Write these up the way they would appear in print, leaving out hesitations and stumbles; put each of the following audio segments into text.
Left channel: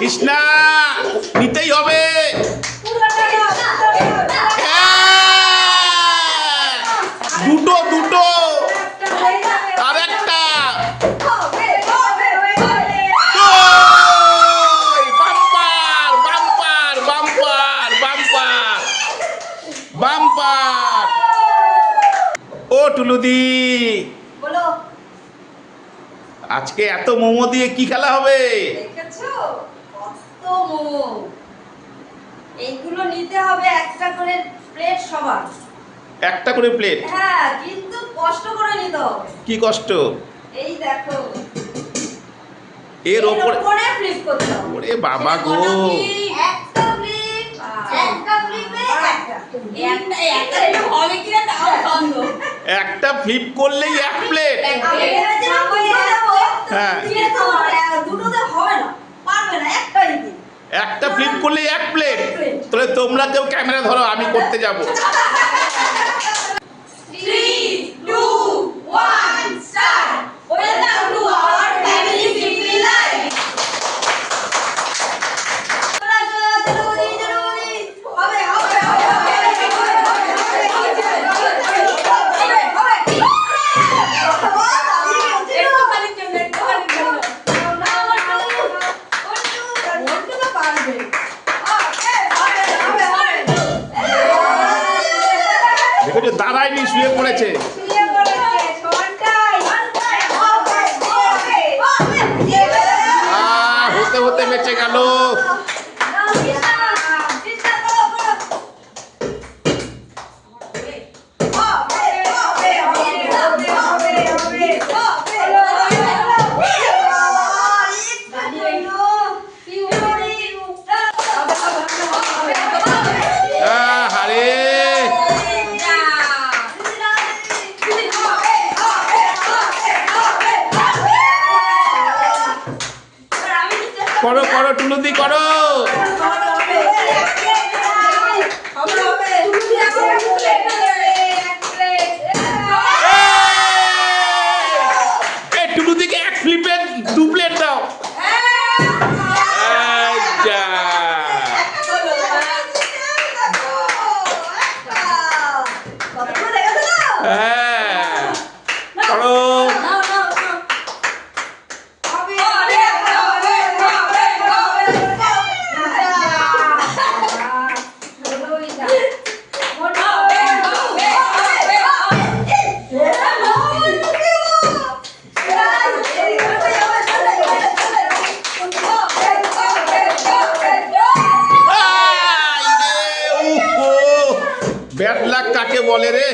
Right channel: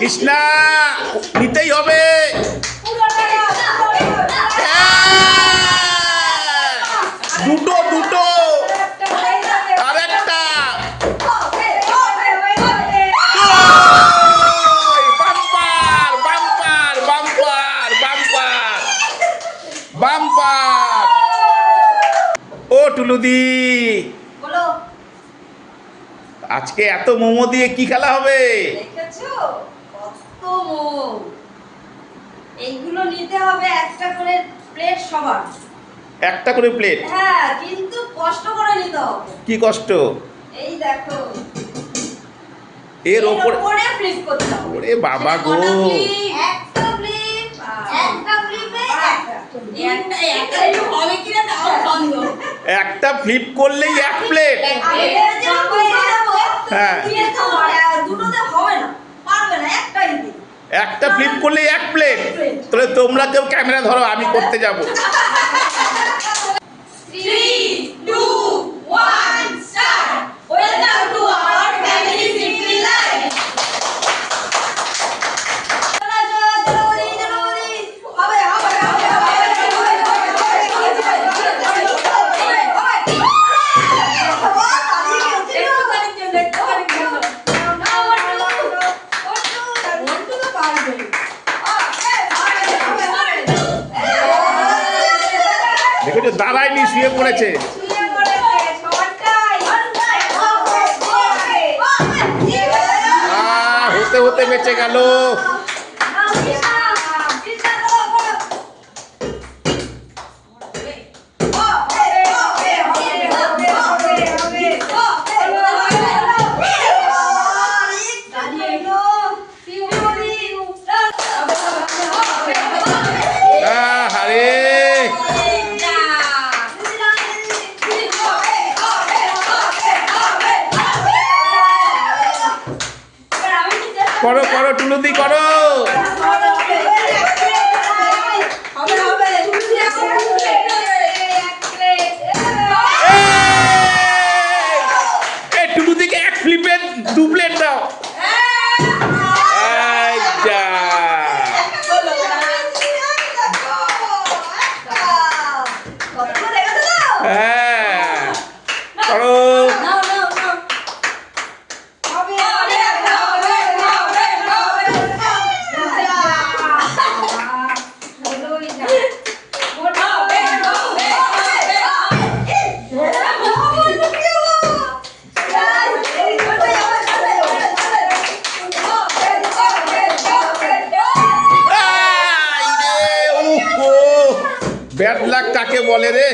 কৃষ্ণা নিতেই হবে। দুটো দুটো আর একটা bumper bumper bumper bumper bumper. ও টুলুদি, আজকে এত মোমো দিয়ে কি খেলা হবে? এইগুলো নিতে হবে একটা করে প্লেট সবার। একটা করে প্লেট? হ্যাঁ, কিন্তু কষ্ট করে নিতে হবে। কি কষ্ট? এই দেখো, এর উপরে ফ্লিপ করতে হবে। ওরে বাবা গো, একটা ফ্লিপ, একটা ফ্লিপে একটা হবে কিনা তাও সন্দেহ। একটা ফ্লিপ করলেই এক প্লেট। হ্যাঁ, দুটোতে হবে না, পারবে না, একটাই দিন। একটা ফ্লিপ করলেই এক প্লেট। তাহলে তোমরা কেউ ক্যামেরা ধরো, আমি করতে যাব। 3, 2, 1 start. Welcome to our family simple life. দেখো, দাঁড়ায়নি, শুয়ে পড়েছে। হতে হতে বেঁচে গেল। আরে করো করো টুলুদি, করো। টুলুদিকে এক ফ্লিপে দু প্লেট দাও। হ্যাঁ, করো। ব্যাড লাক কাকে বলে রে?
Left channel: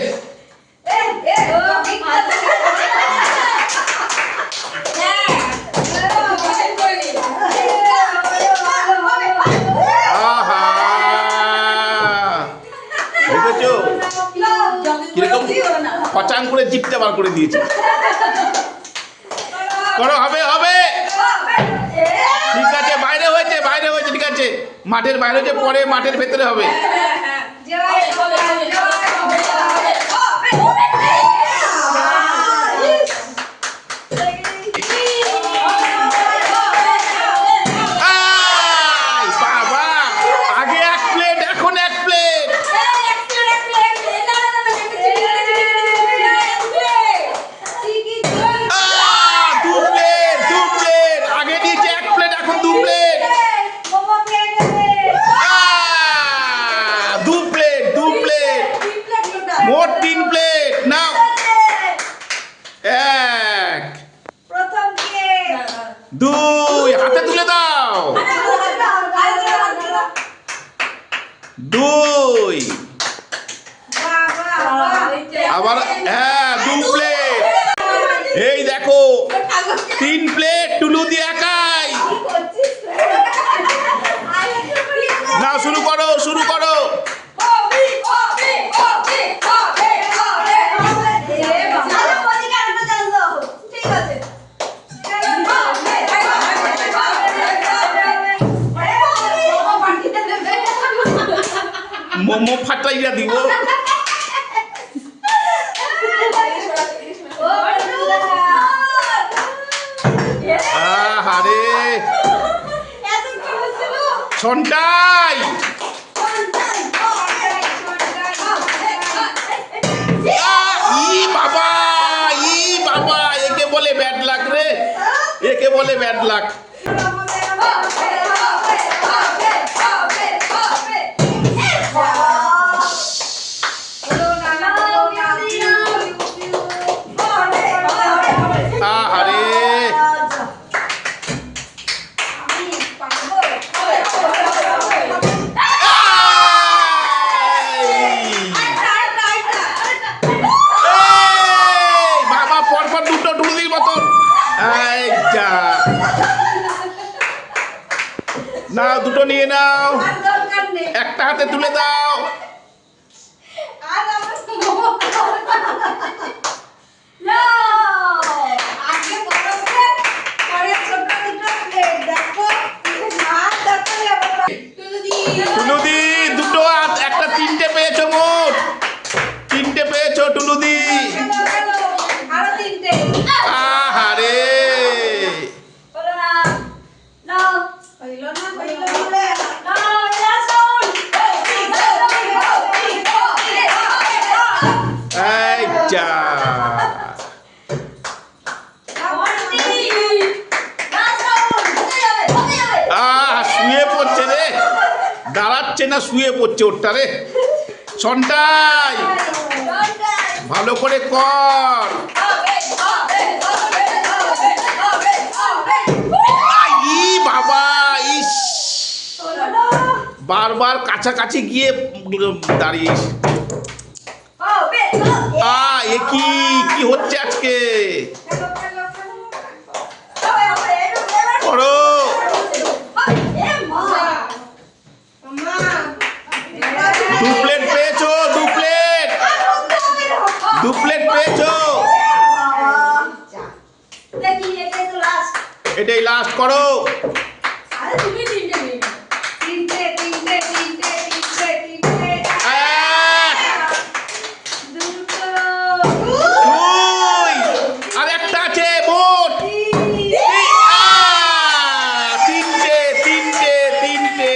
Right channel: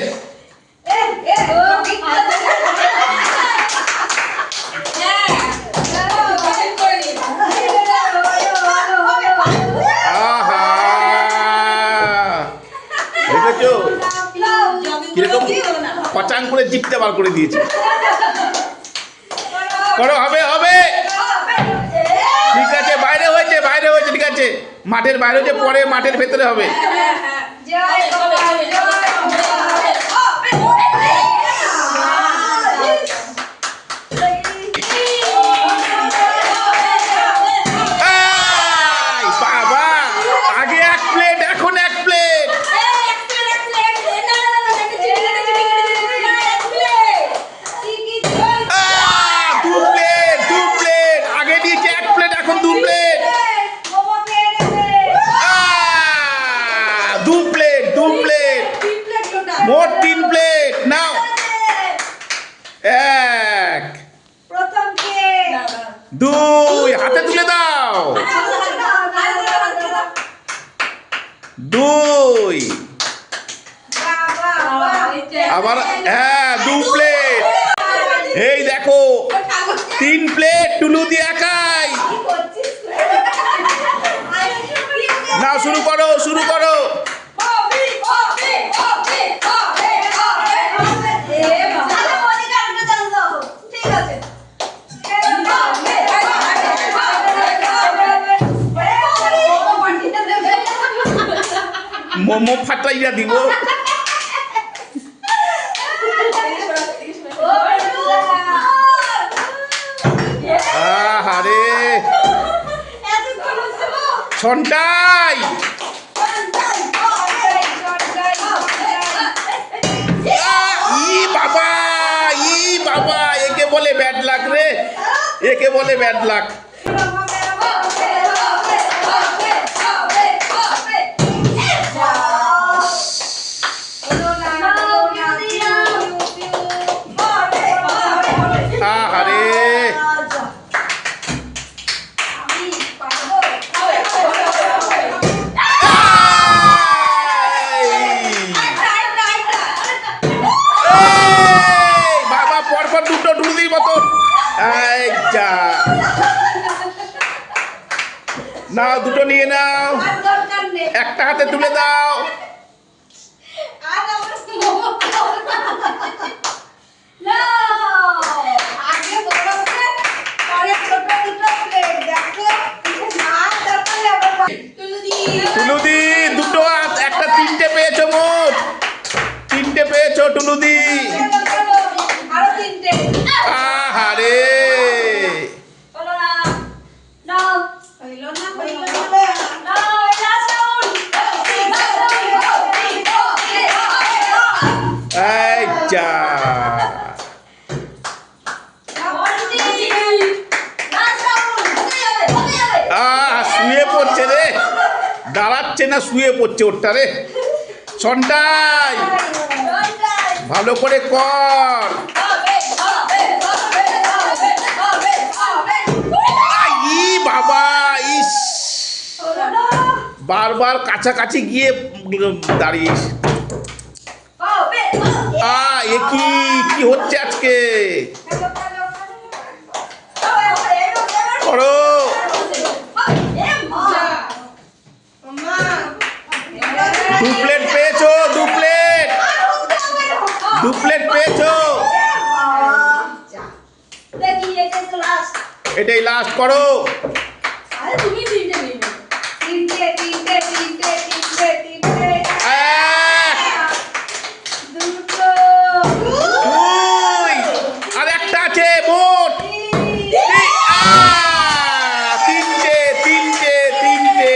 আহা, দেখেছো কিরকম পচাং করে জিপটা বার করে দিয়েছে। করো, হবে হবে। ঠিক আছে, বাইরে হয়েছে, বাইরে হয়েছে, ঠিক আছে। মাঠের বাইরে হয়েছে, পরে মাঠের ভেতরে হবে। বাবা, আগে এক প্লেট, এখন এক প্লেট। দু প্লেট, দু প্লেট। আগে দিয়েছে এক প্লেট, এখন দু প্লেট। দু প্লেট, দু প্লেট, মোট 3 প্লেট। নাও, এক, দুই, হাতে তুলে দাও। দুই, আবার হ্যাঁ, দু প্লেট। এই দেখো, 3 প্লেট টুলুদি একাই। নাও, শুরু করো, শুরু করো। মোমো ফাটাইয়া দিব। আহারে, সন্টাই ই বাবা একে বলে ব্যাড লাক রে, একে বলে ব্যাড লাক। আরে বাবা পরপর দুটো টুলদির মতন। এই যা, নাও দুটো নিয়ে নাও, একটা হাতে তুলে দাও। টুলুদি দুটো একটা তিনটে পেয়েছো, মোট তিনটে পেয়েছো টুলুদি। আহারে এই যা, শুয়ে পড়ছে রে, দাঁড়াচ্ছে না, শুয়ে পড়ছে ওরটা রে। সন্টাই ভালো করে কর। ই বাবা, ইস বারবার কাছাকাছি গিয়ে দাঁড়িয়ে। এ কি কি হচ্ছে আজকে? করো। দু প্লেট পেয়েছো, দু প্লেট, দু প্লেট পেয়েছো। এটাই লাস্ট, করো। আর একটা আছে, মোট তিনটে তিনটে তিনটে।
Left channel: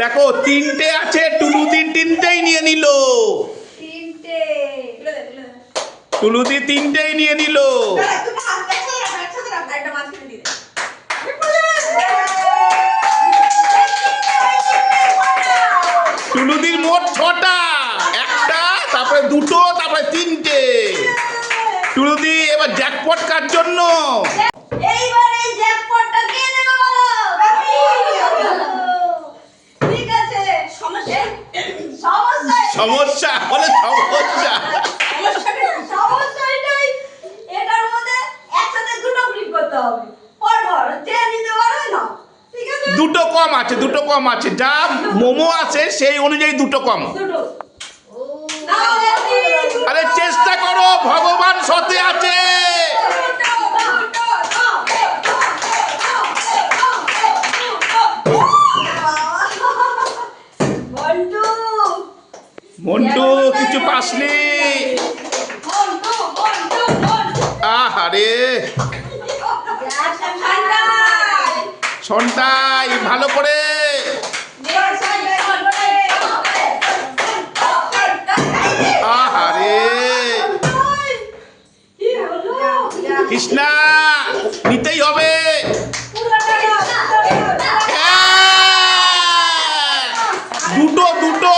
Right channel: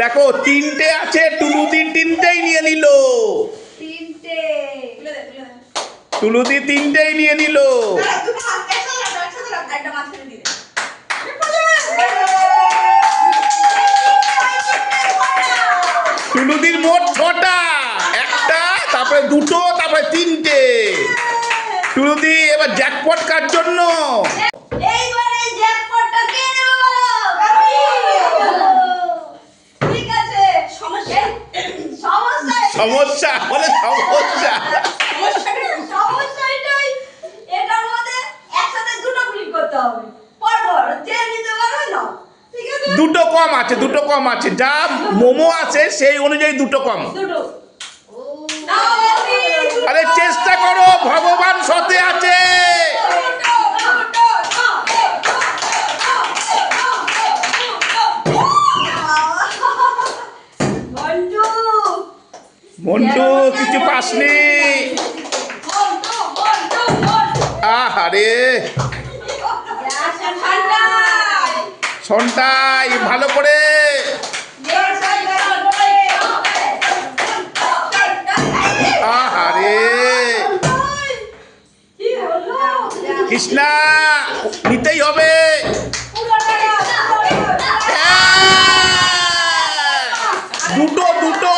দেখো তিনটে আছে, টুলুদি তিনটেই নিয়ে নিল, টুলুদি তিনটেই নিয়ে নিল। টুলুদির মোট 6টা, একটা তারপরে দুটো তারপরে তিনটে। টুলুদি এবার জ্যাকপট কার জন্য? সমস্যা বলে সমস্যা, দুটো কম আছে, দুটো কম আছে, যা মোমো আছে সেই অনুযায়ী দুটো কম। আরে চেষ্টা করো, ভগবান সাথে আছে। মন্টু কিছু পাসনি। আহারে সন্টাই ভালো করে। আহারে কৃষ্ণা, নিতেই হবে। দুটো দুটো,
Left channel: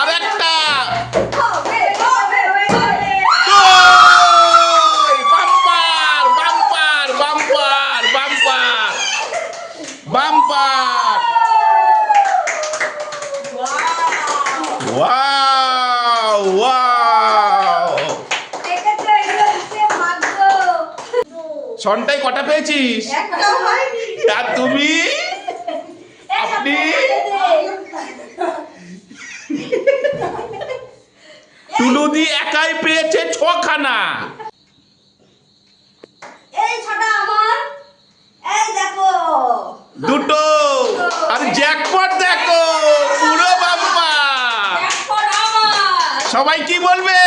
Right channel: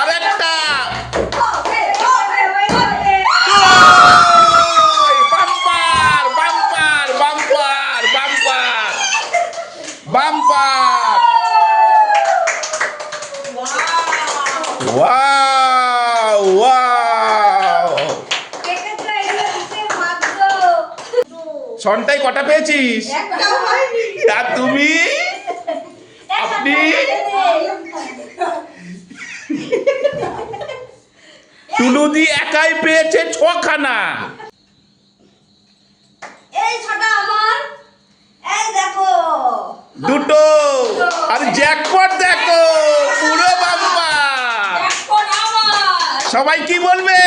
আর একটা bumper bumper bumper bumper bumper. Wow wow. সন্টাই কটা পেয়েছিস? আর তুমি? আপনি? টুলুদি একাই পেয়েছে 6খানা। দুটো, আর জ্যাকপট দেখো, পুরো বাম্পার। সবাই কি বলবে?